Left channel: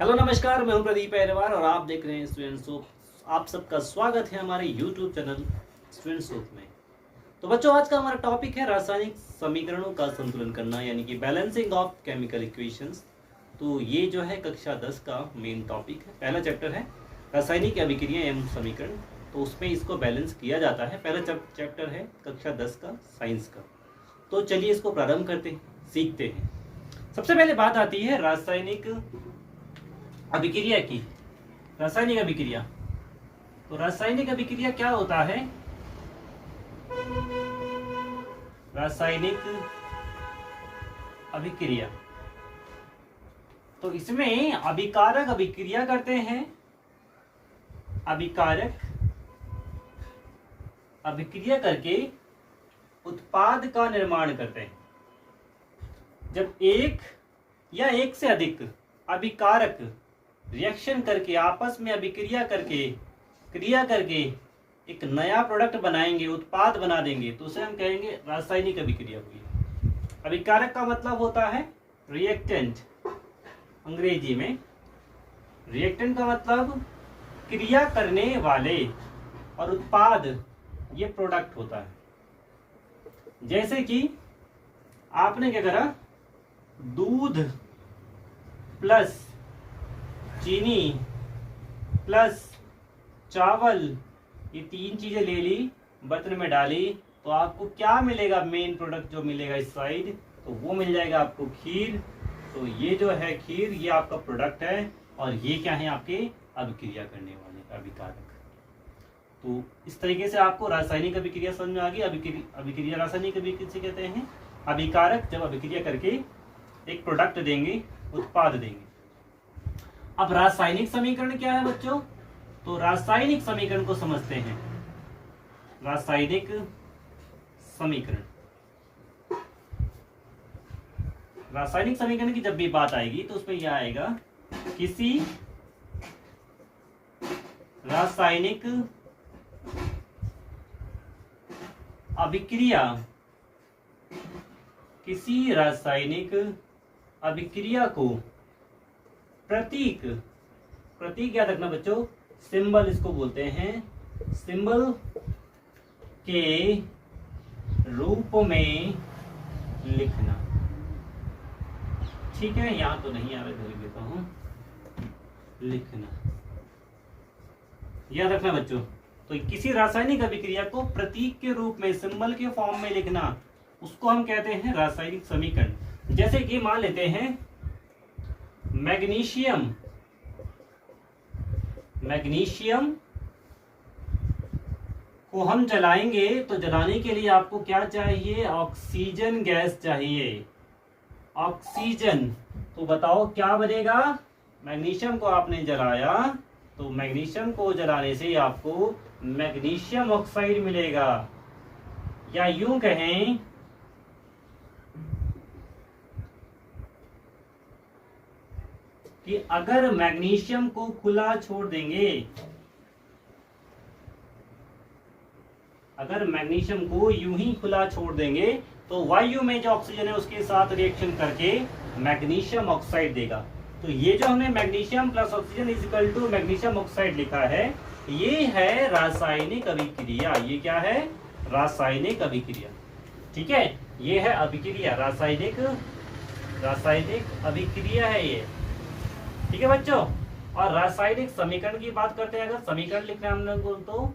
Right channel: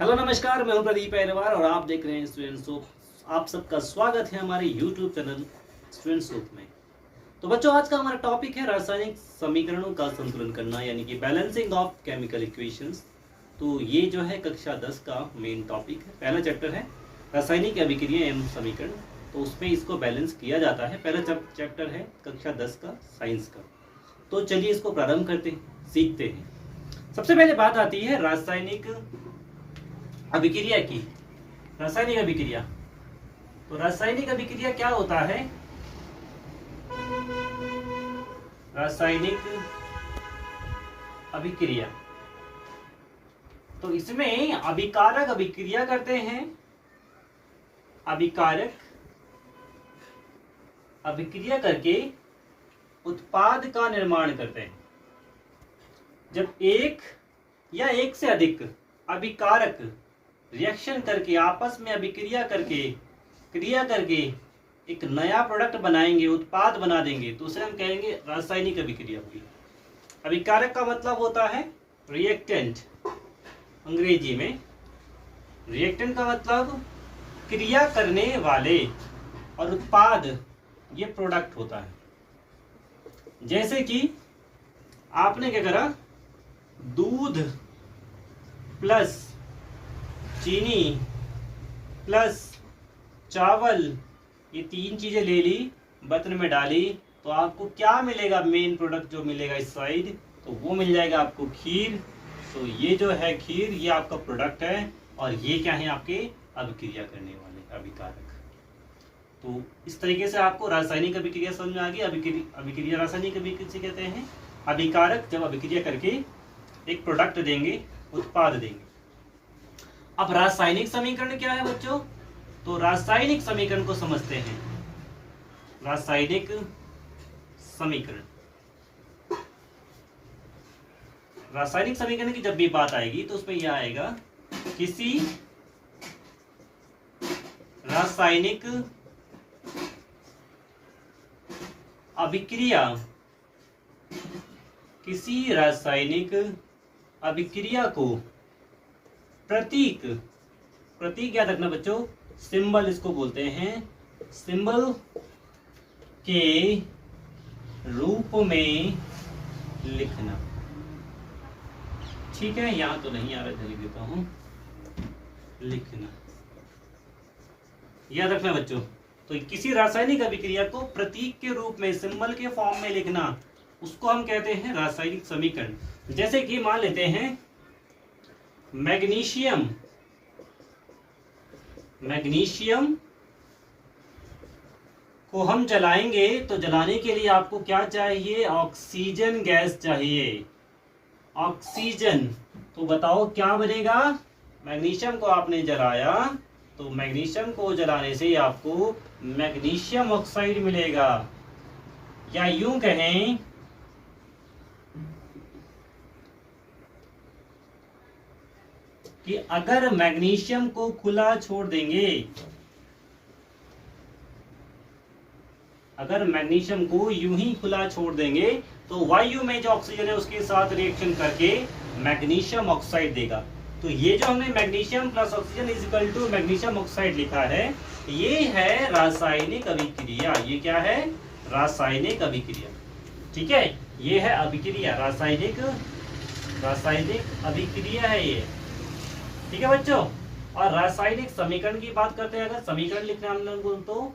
Hello नमस्कार, मैं हूं प्रदीप अहरवार और आप देख रहे हैं स्टूडेंट सोप। आप सबका स्वागत है हमारे यूट्यूब चैनल स्टूडेंट सोप में। तो बच्चों, आज का हमारा टॉपिक है रासायनिक समीकरणों का संतुलन करना, यानी कि बैलेंसिंग ऑफ केमिकल इक्वेशंस। तो ये जो है कक्षा 10 का मेन टॉपिक है। पहला चैप्टर है रासायनिक अभिक्रिया एवं समीकरण, तो उसमें इसको बैलेंस किया जाता है। पहला चैप्टर है कक्षा 10 का साइंस का। तो चलिए इसको प्रारंभ करते हैं, सीखते हैं। सबसे पहले बात आती है रासायनिक अभिक्रिया की। रासायनिक अभिक्रिया, तो रासायनिक अभिक्रिया क्या होता है? रासायनिक अभिक्रिया, तो इसमें अभिकारक अभिक्रिया करते हैं। अभिकारक अभिक्रिया करके उत्पाद का निर्माण करते हैं। जब एक या एक से अधिक अभिकारक रिएक्शन करके आपस में अभिक्रिया करके क्रिया करके एक नया प्रोडक्ट बनाएंगे, उत्पाद बना देंगे, तो उसे हम कहेंगे रासायनिक अभिक्रिया हुई। अभिकारक का मतलब होता है रिएक्टेंट, अंग्रेजी में। रिएक्टेंट का मतलब क्रिया करने वाले, और उत्पाद ये प्रोडक्ट होता है। जैसे कि आपने क्या करा, दूध प्लस चीनी प्लस चावल, ये तीन चीजें ले ली, बर्तन में डाली, तो आपको क्या मिलेगा? मेन प्रोडक्ट जो मिलेगा इस साइड, तो वो मिल जाएगा आपको खीर। तो ये जो है खीर, ये आपका प्रोडक्ट है, और ये क्या है? आपके अभिक्रिया करने वाले अभिकारक। तो इस तरीके से आपको रासायनिक अभिक्रिया समझ में आ गई। अभिक्रिया रासायनिक अभिक्रिया से कहते हैं अभिकारक जब अभिक्रिया करके एक प्रोडक्ट देंगे, उत्पाद देंगे। अब रासायनिक समीकरण क्या है बच्चों? तो रासायनिक समीकरण को समझते हैं। रासायनिक समीकरण, रासायनिक समीकरण की जब भी बात आएगी तो उसमें यह आएगा, किसी रासायनिक अभिक्रिया, किसी रासायनिक अभिक्रिया को प्रतीक, प्रतीक याद रखना बच्चों, सिंबल इसको बोलते हैं, सिंबल के रूप में लिखना। ठीक है, यहां तो नहीं आ रहा, लिख देता हूं, लिखना। याद रखना बच्चों। तो किसी रासायनिक अभिक्रिया को प्रतीक के रूप में, सिंबल के फॉर्म में लिखना, उसको हम कहते हैं रासायनिक समीकरण। जैसे कि मान लेते हैं मैग्नीशियम, मैग्नीशियम को हम जलाएंगे, तो जलाने के लिए आपको क्या चाहिए? ऑक्सीजन गैस चाहिए, ऑक्सीजन। तो बताओ क्या बनेगा? मैग्नीशियम को आपने जलाया, तो मैग्नीशियम को जलाने से आपको मैग्नीशियम ऑक्साइड मिलेगा। या यूं कहें कि अगर मैग्नीशियम को खुला छोड़ देंगे, अगर मैग्नीशियम को यूं ही खुला छोड़ देंगे, तो वायु में जो ऑक्सीजन है उसके साथ रिएक्शन करके मैग्नीशियम ऑक्साइड देगा। तो ये जो हमने magnesium plus oxygen is equal to magnesium oxide लिखा है, ये है रासायनिक अभिक्रिया। ये क्या है? रासायनिक अभिक्रिया। ठीक है, ये है अभिक्रिया, रासायनिक अभिक्रिया है ये। ठीक है बच्चों। और रासायनिक समीकरण की बात करते हैं, अगर समीकरण लिखना हम लोग तो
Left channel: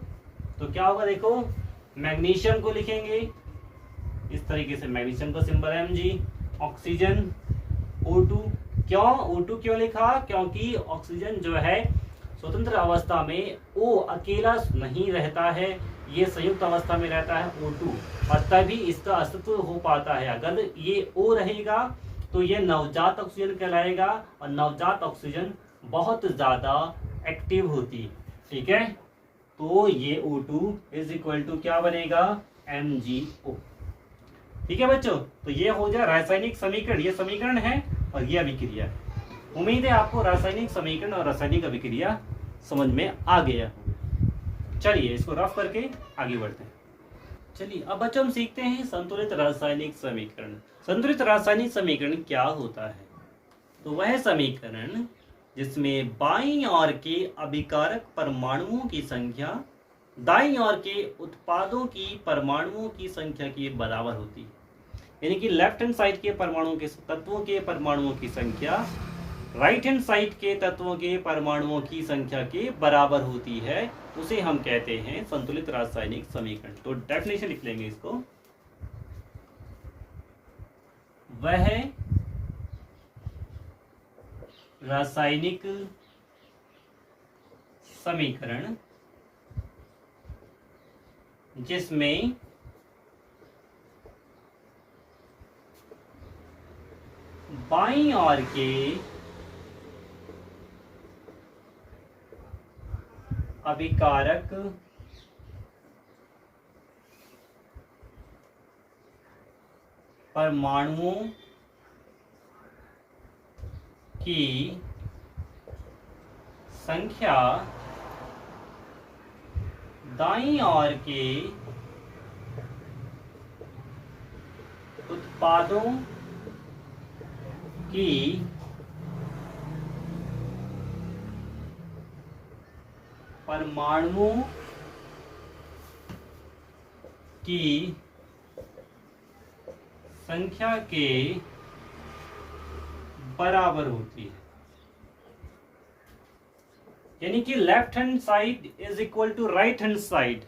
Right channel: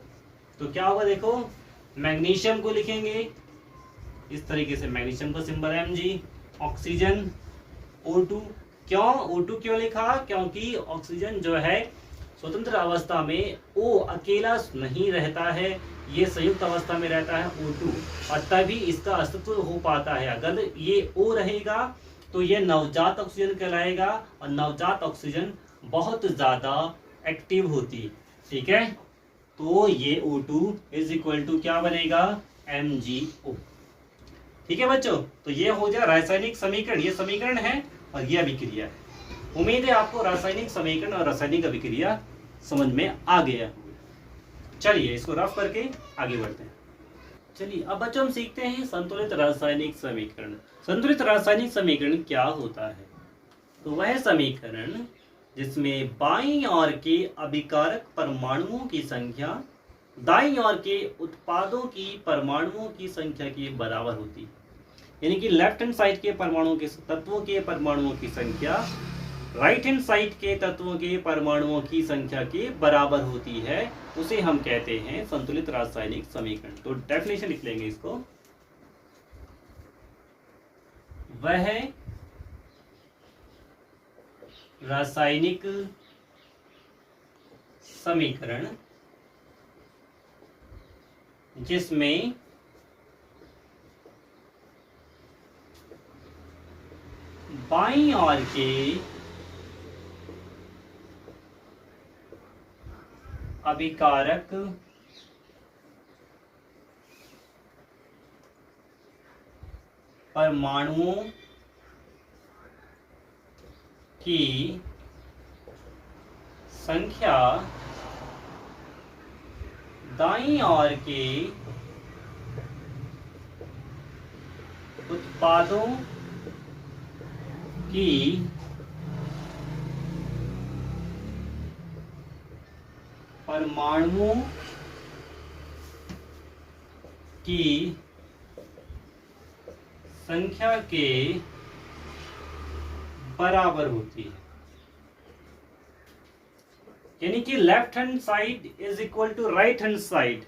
क्या होगा? देखो, मैग्नीशियम को लिखेंगे इस तरीके से, मैग्नीशियम का सिंबल है Mg, ऑक्सीजन O2। क्यों O2 क्यों लिखा? क्योंकि ऑक्सीजन जो है स्वतंत्र अवस्था में O अकेला नहीं रहता है, ये संयुक्त अवस्था में रहता है O2, और तभी इसका अस्तित्व हो पाता है। अगर ये O रहेगा तो ये नवजात ऑक्सीजन कहलाएगा, और नवजात ऑक्सीजन बहुत ज्यादा एक्टिव होती है। ठीक है, तो ये O2 इज इक्वल टू क्या बनेगा? MgO। ठीक है बच्चों, तो ये हो जाए रासायनिक समीकरण। ये समीकरण है और ये अभिक्रिया है। उम्मीद है आपको रासायनिक समीकरण और रासायनिक अभिक्रिया समझ में आ गया। चलिए इसको रफ करके आगे बढ़ते हैं। चलिए अब बच्चों हम सीखते हैं संतुलित रासायनिक समीकरण। संतुलित रासायनिक समीकरण क्या होता है? तो वह समीकरण जिसमें बाईं ओर के अभिकारक परमाणुओं की संख्या दाईं ओर के उत्पादों की परमाणुओं की संख्या के बराबर होती है। यानी कि लेफ्ट हैंड साइड के परमाणुओं के तत्वों के परमाणुओं की संख्या राइट हैंड साइड के तत्वों के परमाणुओं की संख्या के बराबर होती है, उसे हम कहते हैं संतुलित रासायनिक समीकरण। तो डेफिनेशन लिख लेंगे इसको। वह रासायनिक समीकरण जिसमें बाईं ओर के अभिकारक परमाणुओं की संख्या दाईं ओर के उत्पादों की परमाणुओं की संख्या के बराबर होती है। यानी कि left hand side is equal to right hand side.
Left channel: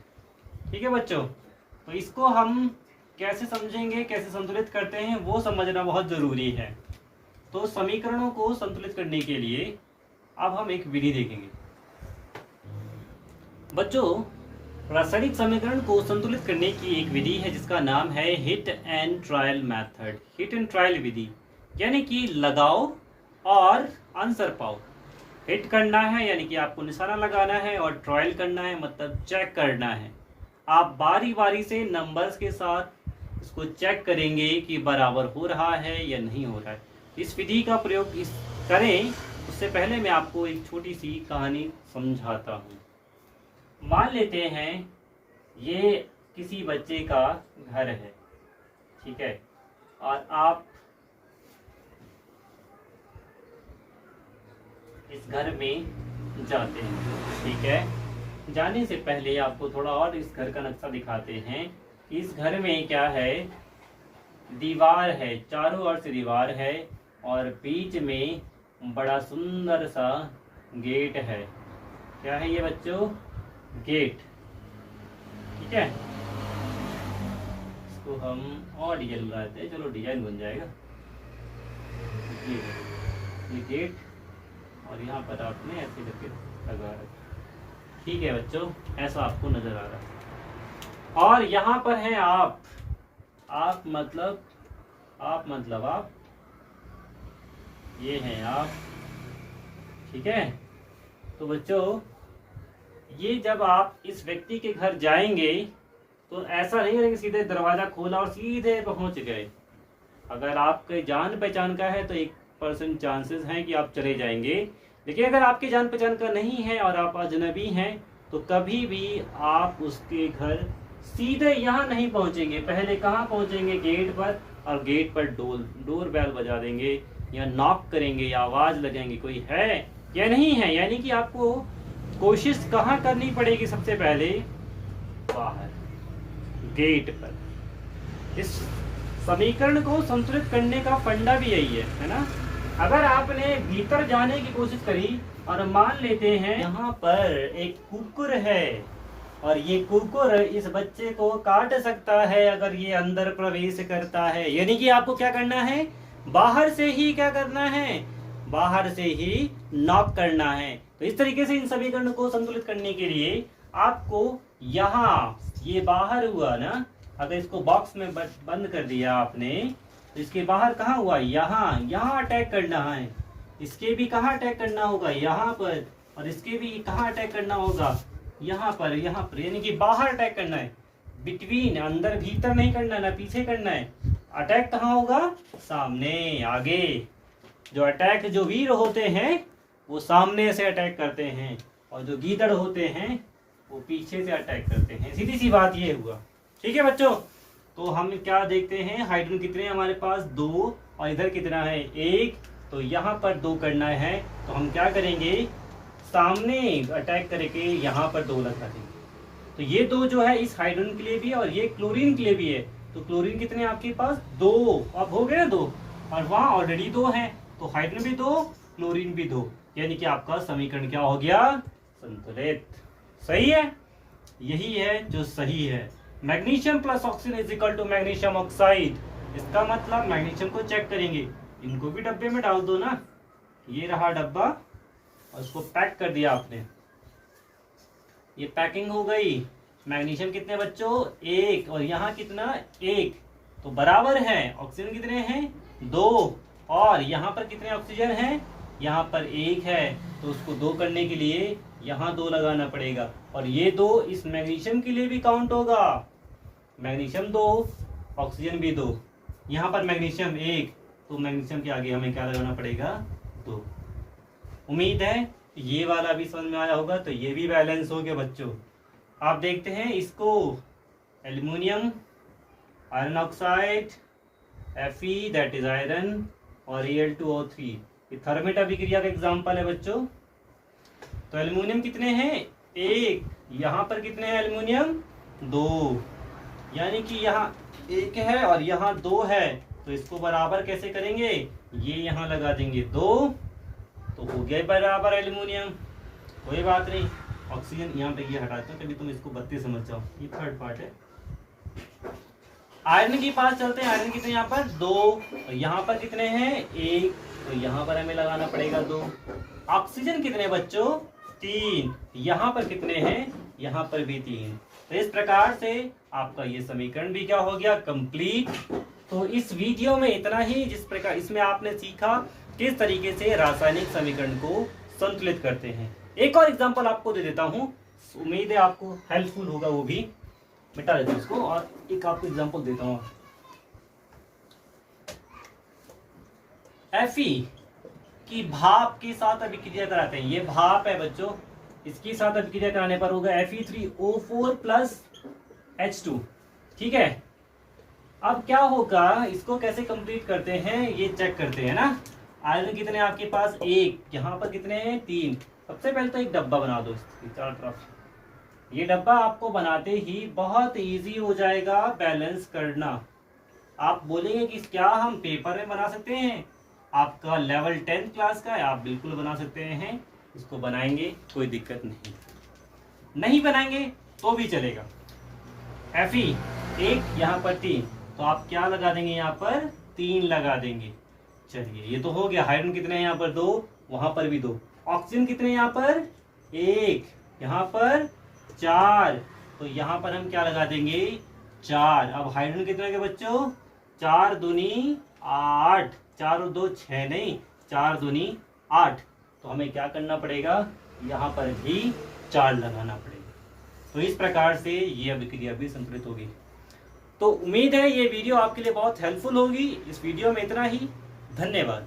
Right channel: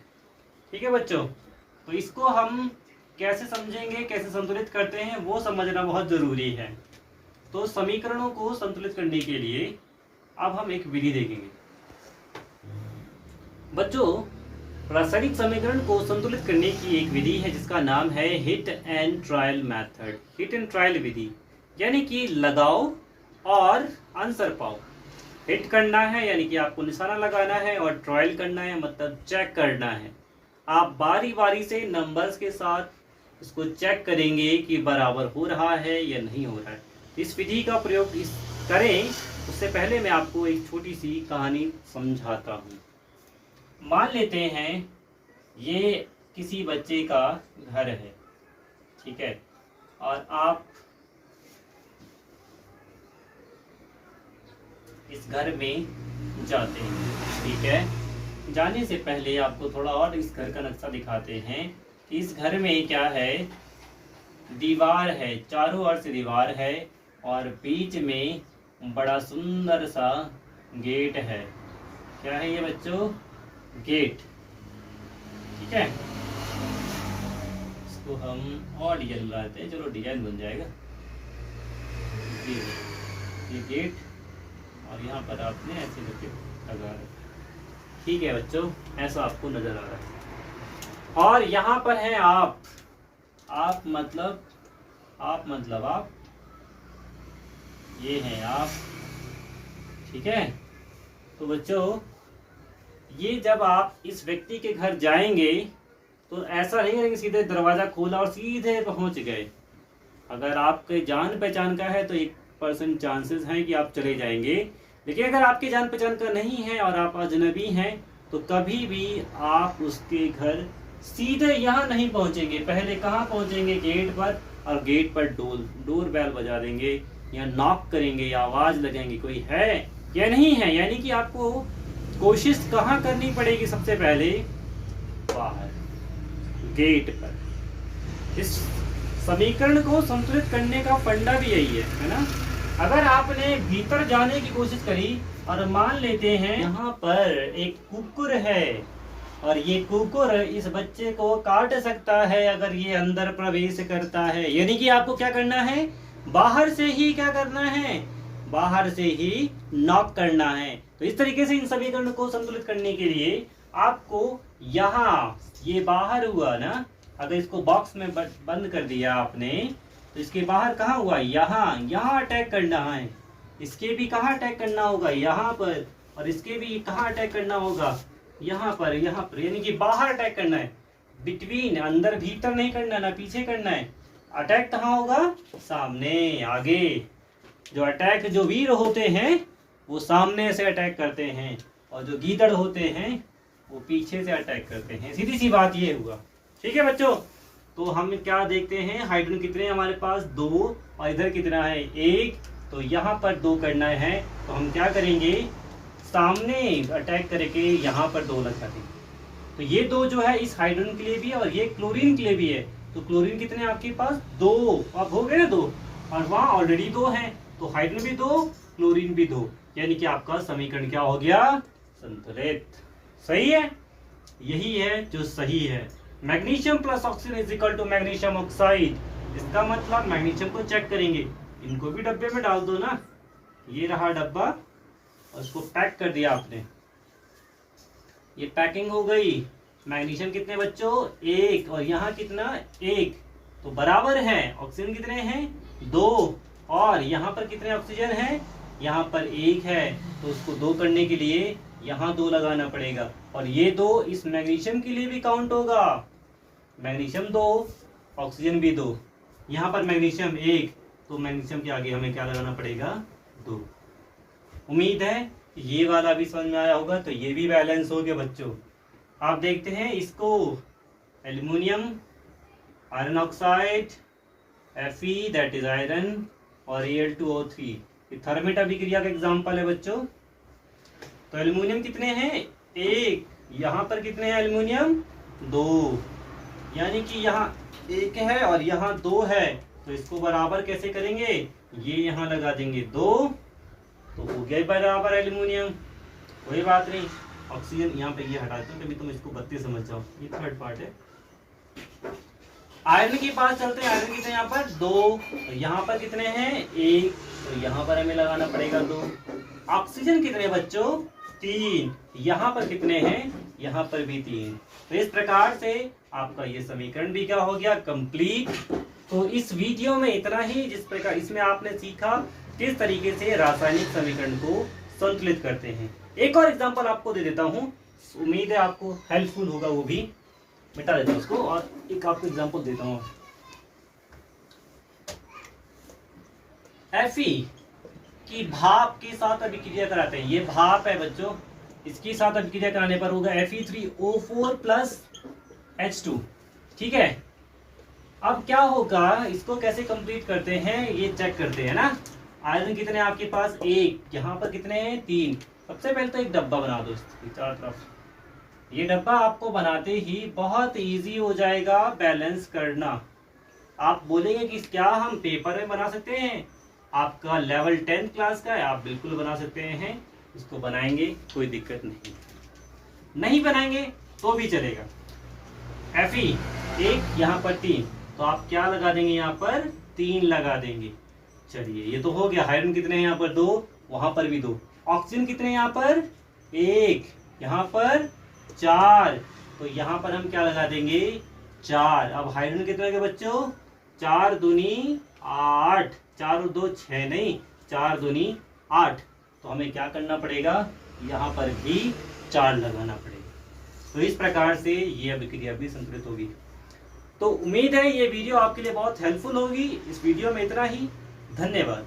ठीक है बच्चों, तो इसको हम कैसे समझेंगे, कैसे संतुलित करते हैं, वो समझना बहुत जरूरी है। तो समीकरणों को संतुलित करने के लिए अब हम एक विधि देखेंगे। बच्चों, रासायनिक समीकरण को संतुलित करने की एक विधि है जिसका नाम है hit and trial method. Hit and trial विधि यानी कि लगाओ और आंसर पाओ। हिट करना है यानी कि आपको निशाना लगाना है, और ट्रायल करना है मतलब चेक करना है। आप बारी बारी से नंबर्स के साथ इसको चेक करेंगे कि बराबर हो रहा है या नहीं हो रहा है। इस विधि का प्रयोग करें उससे पहले मैं आपको एक छोटी सी कहानी समझाता हूँ। मान लेते हैं ये किसी बच्चे का घर है, ठीक है, और आप इस घर में जाते हैं। ठीक है, जाने से पहले आपको थोड़ा और इस घर का नक्शा दिखाते हैं कि इस घर में क्या है। दीवार है, चारों ओर से दीवार है, और बीच में बड़ा सुंदर सा गेट है। क्या है ये बच्चों? गेट। ठीक है, इसको हम और डिजाइन बनाते हैं, चलो डिजाइन बन जाएगा। ये गेट, और यहाँ पर आपने ऐसे करके लगा रखा। ठीक है बच्चों, ऐसा आपको नजर आ रहा है। और यहाँ पर है आप मतलब आप, ये हैं आप। ठीक है, तो बच्चों ये जब आप इस व्यक्ति के घर जाएंगे तो ऐसा नहीं है कि सीधे दरवाजा खोला और सीधे पहुंच गए। अगर आपके जान पहचान का है तो 1% चांसेस हैं कि आप चले जाएंगे, लेकिन अगर आपके जान पहचान का नहीं है और आप अजनबी हैं तो कभी भी आप उसके घर सीधे यहाँ नहीं पहुंचेंगे। पहले कहाँ पहुंचेंगे? गेट पर, और गेट पर डोर बेल बजा देंगे या नॉक करेंगे या आवाज लगाएंगे कोई है या नहीं है। यानी कि आपको कोशिश कहाँ करनी पड़ेगी? सबसे पहले बाहर, गेट पर। इस समीकरण को संतुलित करने का फंडा भी यही है ना। अगर आपने भीतर जाने की कोशिश करी और मान लेते हैं यहाँ पर एक कुकुर है और ये कुकुर इस बच्चे को काट सकता है अगर ये अंदर प्रवेश करता है, यानी कि आपको क्या करना है? बाहर से ही क्या करना है? बाहर से ही नॉक करना है। तो इस तरीके से इन समीकरणों को संतुलित करने के लिए आपको यहाँ, ये बाहर हुआ ना, अगर इसको बॉक्स में बंद कर दिया आपने तो इसके बाहर कहाँ हुआ? यहाँ अटैक करना है। इसके भी कहाँ अटैक करना होगा? यहाँ पर। और इसके भी कहाँ अटैक करना होगा? यहाँ पर, यानी कि बाहर अटैक करना है। बिटवीन, अंदर भीतर नहीं करना, ना पीछे करना है। अटैक कहाँ होगा? सामने, आगे। जो वीर होते हैं वो सामने से अटैक करते हैं, और जो गीदड़ होते हैं वो पीछे से अटैक करते हैं। सीधी सी बात ये हुआ। ठीक है बच्चों, तो हम क्या देखते हैं? हाइड्रोजन कितने हैं हमारे पास? 2, और इधर कितना है? 1, तो यहाँ पर 2 करना है, तो हम क्या करेंगे, सामने अटैक करके यहाँ पर 2 लगा देंगे। तो ये 2 जो है इस हाइड्रोजन के लिए भी है और ये क्लोरीन के लिए भी है। तो क्लोरीन कितने आपके पास 2, अब हो गए ना 2, और वहाँ ऑलरेडी 2 हैं, तो हाइड्रोजन भी 2, क्लोरीन भी 2, यानी कि आपका समीकरण क्या हो गया, संतुलित। सही है, यही है जो सही है। Magnesium plus oxygen is equal to magnesium oxide. इसका मतलब मैग्नीशियम को चेक करेंगे, इनको भी डब्बे में डाल दो ना, ये रहा डब्बा और उसको पैक कर दिया आपने, ये पैकिंग हो गई। मैग्नीशियम कितने बच्चों 1 और यहाँ कितना 1, तो बराबर है। ऑक्सीजन कितने हैं 2 और यहाँ पर कितने ऑक्सीजन हैं, यहाँ पर 1 है, तो उसको 2 करने के लिए यहाँ 2 लगाना पड़ेगा और ये 2 इस मैग्नीशियम के लिए भी काउंट होगा। मैग्नीशियम 2, ऑक्सीजन भी 2, यहाँ पर मैग्नीशियम 1, तो मैग्नीशियम के आगे हमें क्या लगाना पड़ेगा 2। उम्मीद है ये वाला भी समझ में आया होगा। तो ये भी बैलेंस हो गया बच्चों। आप देखते हैं इसको, aluminium, iron oxide, Fe that is iron और Al2O3, ये थर्मेट अभिक्रिया का एग्जाम्पल है बच्चों। तो एल्युमिनियम कितने हैं 1, यहाँ पर कितने हैं एल्युमिनियम 2, यानी कि यहाँ 1 है और यहाँ 2 है, तो इसको बराबर कैसे करेंगे, ये यहाँ लगा देंगे 2, तो हो गया बराबर एल्युमिनियम। कोई बात नहीं, ऑक्सीजन यहाँ पे ये हटाते हैं, कभी तुम इसको 32 समझ जाओ, ये थर्ड पार्ट है। आयरन के पास चलते हैं, आयरन कितने यहाँ पर 2, और यहाँ पर कितने हैं 1, तो यहाँ पर हमें लगाना पड़ेगा 2। ऑक्सीजन कितने बच्चों 3, यहाँ पर कितने हैं, यहाँ पर भी 3। तो इस प्रकार से आपका ये समीकरण भी क्या हो गया, कंप्लीट। तो इस वीडियो में इतना ही, जिस प्रकार इसमें आपने सीखा किस तरीके से रासायनिक समीकरण को संतुलित करते हैं। एक और एग्जांपल आपको दे देता हूं, उम्मीद है आपको हेल्पफुल होगा, वो भी मिटा देता हूं इसको और एक आपको एग्जांपल देता हूं। Fe की भाप के साथ अभिक्रिया कराते हैं, ये भाप है बच्चों, इसके साथ अभिक्रिया कराने पर होगा Fe3O4 प्लस H2। ठीक है, अब क्या होगा, इसको कैसे कंप्लीट करते हैं ये चेक करते हैं ना। आयरन कितने आपके पास 1, यहाँ पर कितने हैं 3। सबसे पहले तो एक डब्बा बना दो इसकी चारों तरफ। ये डब्बा आपको बनाते ही बहुत इजी हो जाएगा बैलेंस करना। आप बोलेंगे कि क्या हम पेपर में बना सकते हैं, आपका लेवल 10 क्लास का है, आप बिल्कुल बना सकते हैं, इसको बनाएंगे कोई दिक्कत नहीं, नहीं बनाएंगे तो भी चलेगा। Fe 1, यहाँ पर 3, तो आप क्या लगा देंगे, यहाँ पर 3 लगा देंगे। चलिए ये तो हो गया। हाइड्रोजन कितने हैं यहाँ पर 2, वहां पर भी 2। ऑक्सीजन कितने यहाँ पर 1, यहाँ पर 4, तो यहाँ पर हम क्या लगा देंगे 4। अब हाइड्रोजन कितने के बच्चों 4 दूनी 8, 4 और 2 6 नहीं, 4 दूनी 8, तो हमें क्या करना पड़ेगा, यहाँ पर भी 4 लगाना पड़ेगा। तो इस प्रकार से ये अभिक्रिया भी संतुलित होगी। तो उम्मीद है ये वीडियो आपके लिए बहुत हेल्पफुल होगी। इस वीडियो में इतना ही, धन्यवाद।